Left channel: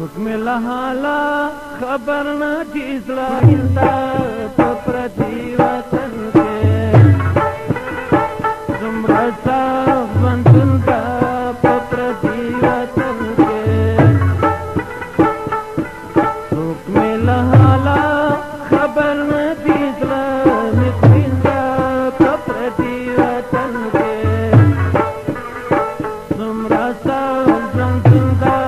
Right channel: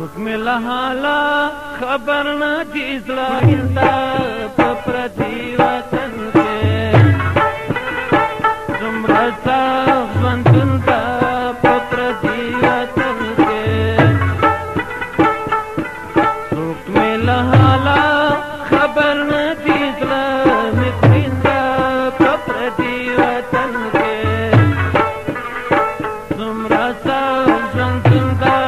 څوک مې له حاله خبر نه دي زړه ګنده په پردي وطن کې څومره سخت ژوندون ده په پردي وطن کې څوک مې له حاله خبر نه دي زړه مې ګنده په پردي وطن کې څومره سخت ژوندون ده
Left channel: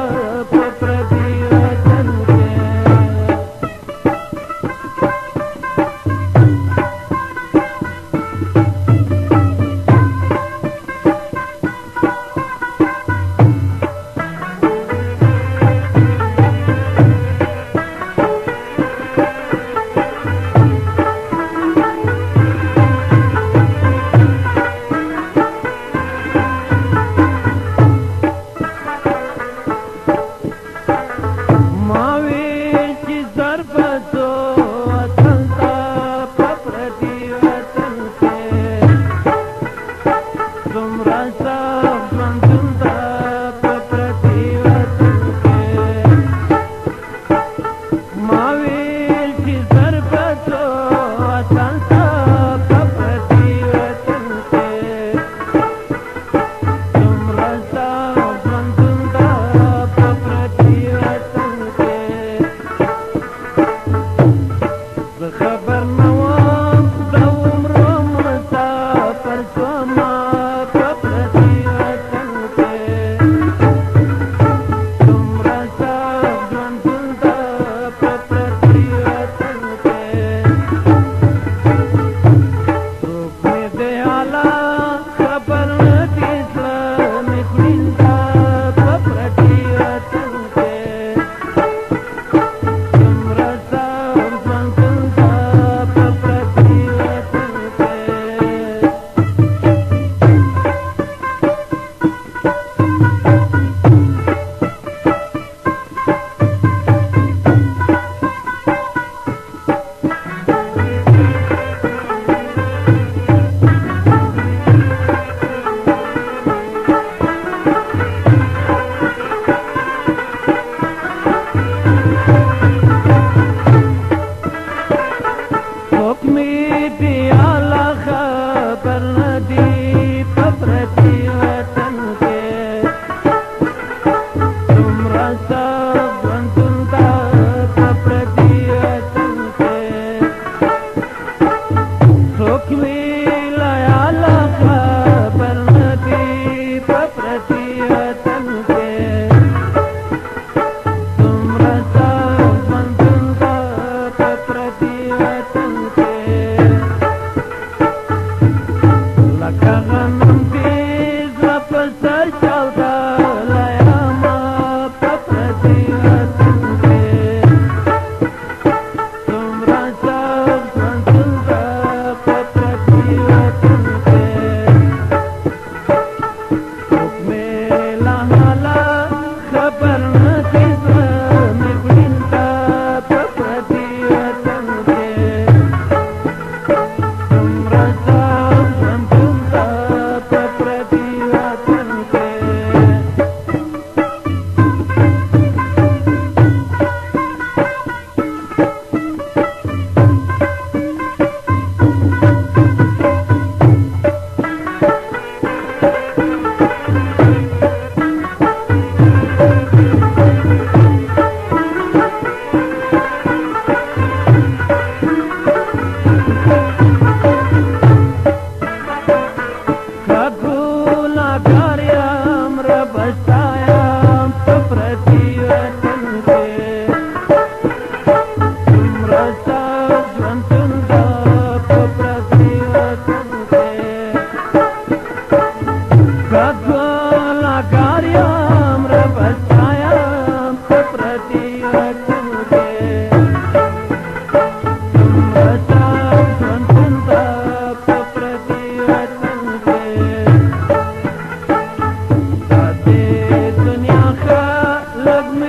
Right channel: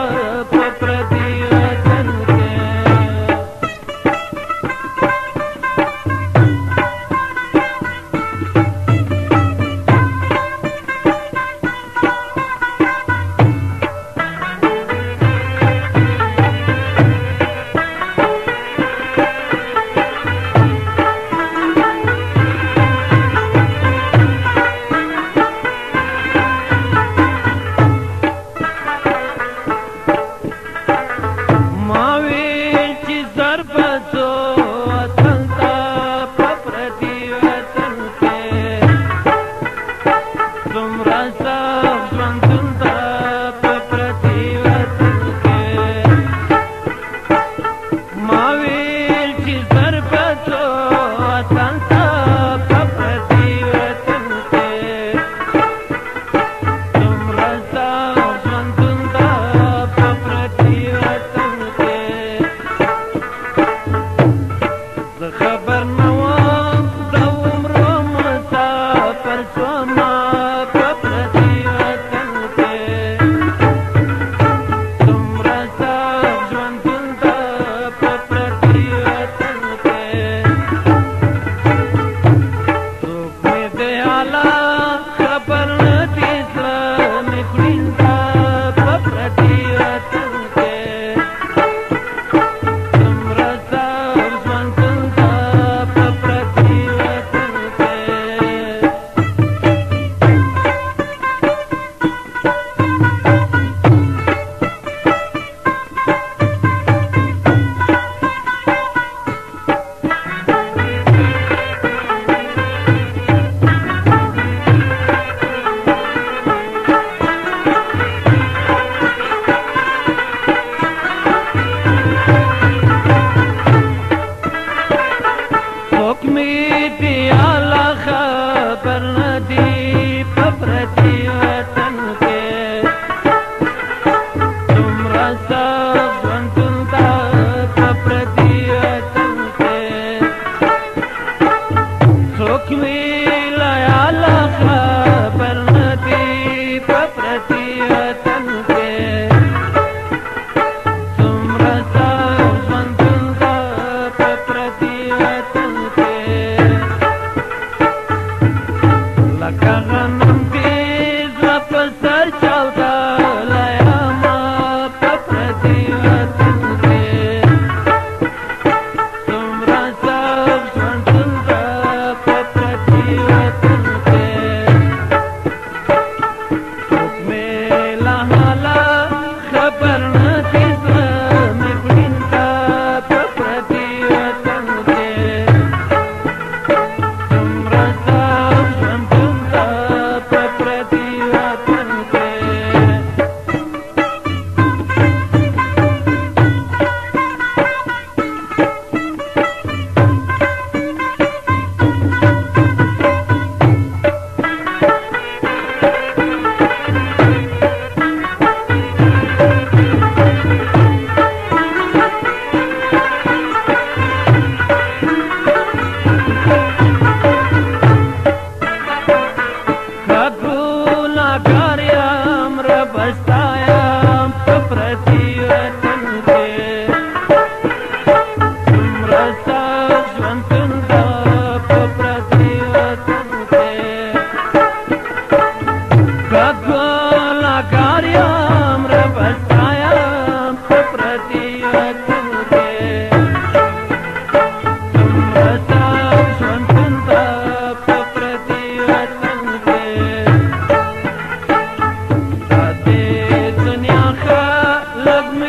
love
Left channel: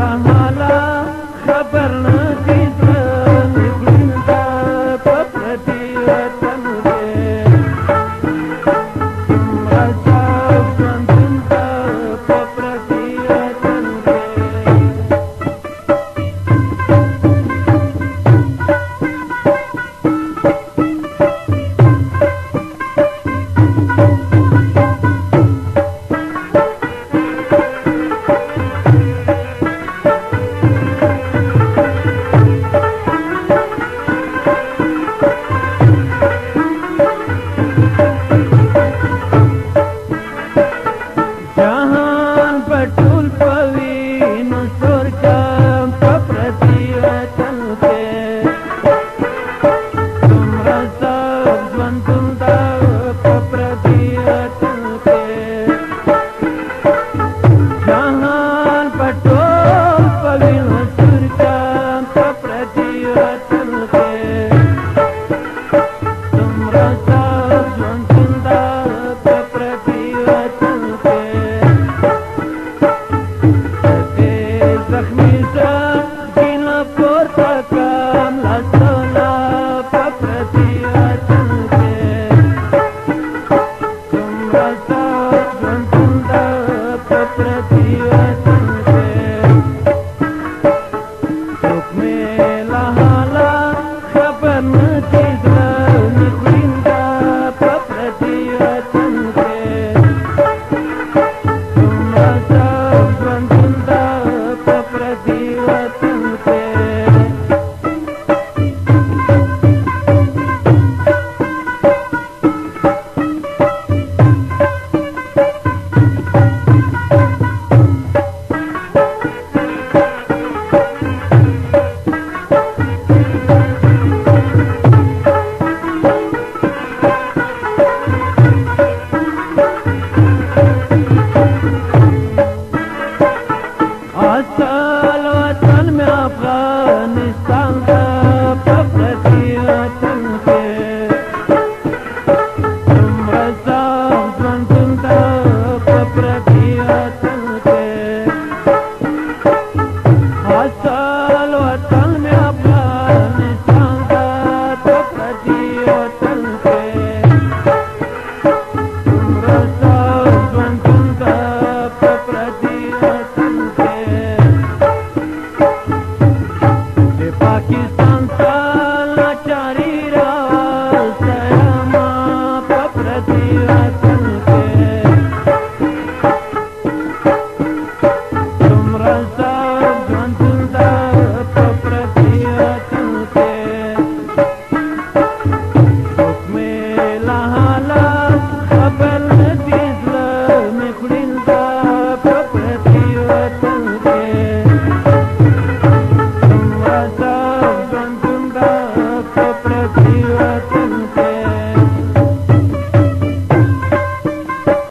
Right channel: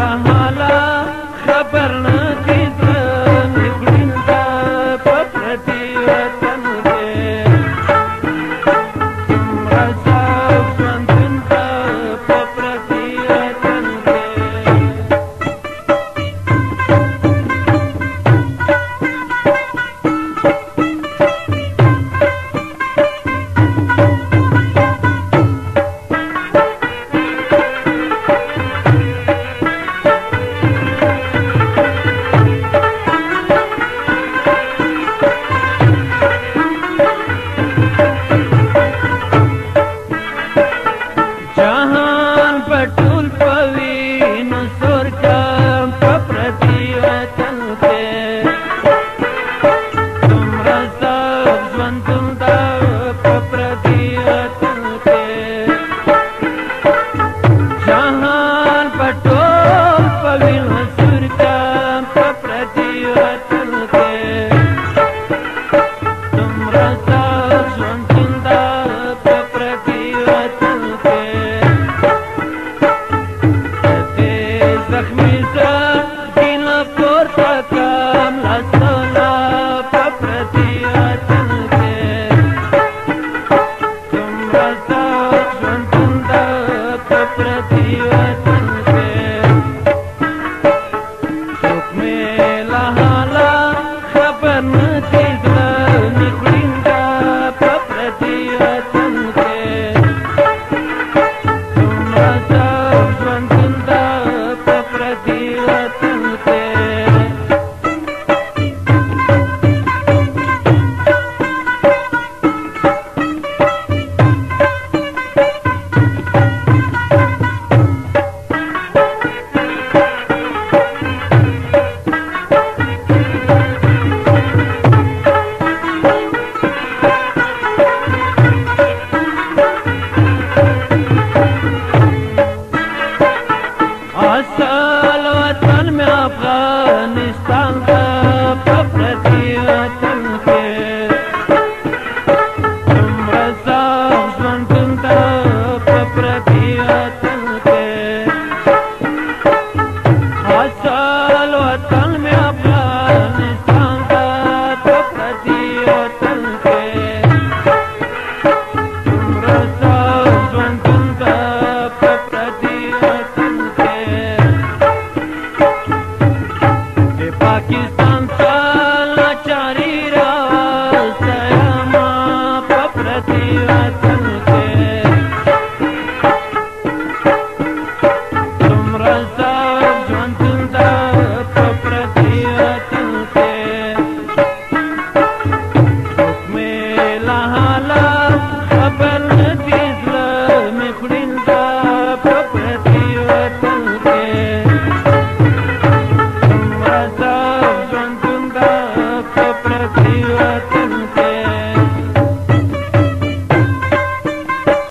له حاله خبر نه دي زړه مې خوړینده په پردي وطن کې څومره صاف ژوندون ده په پردي وطن کې جهان پټول پوینو سور کم په پردي وطن کې څومره صاف ژوندون ده په پردي وطن کې جهان پټول پوینو سور کم په پردي وطن کې څومره صاف ژوندون ده په پردي وطن کې زخمی سخینا پورته کم لاسونه په پردي وطن کې څومره صاف ژوندون ده په پردي وطن کې څوک مې له حاله خبر نه دي زړه مې خوړینده په پردي وطن کې څومره صاف ژوندون ده په پردي وطن کې اصل وطن میں افغانستان دا په پردي وطن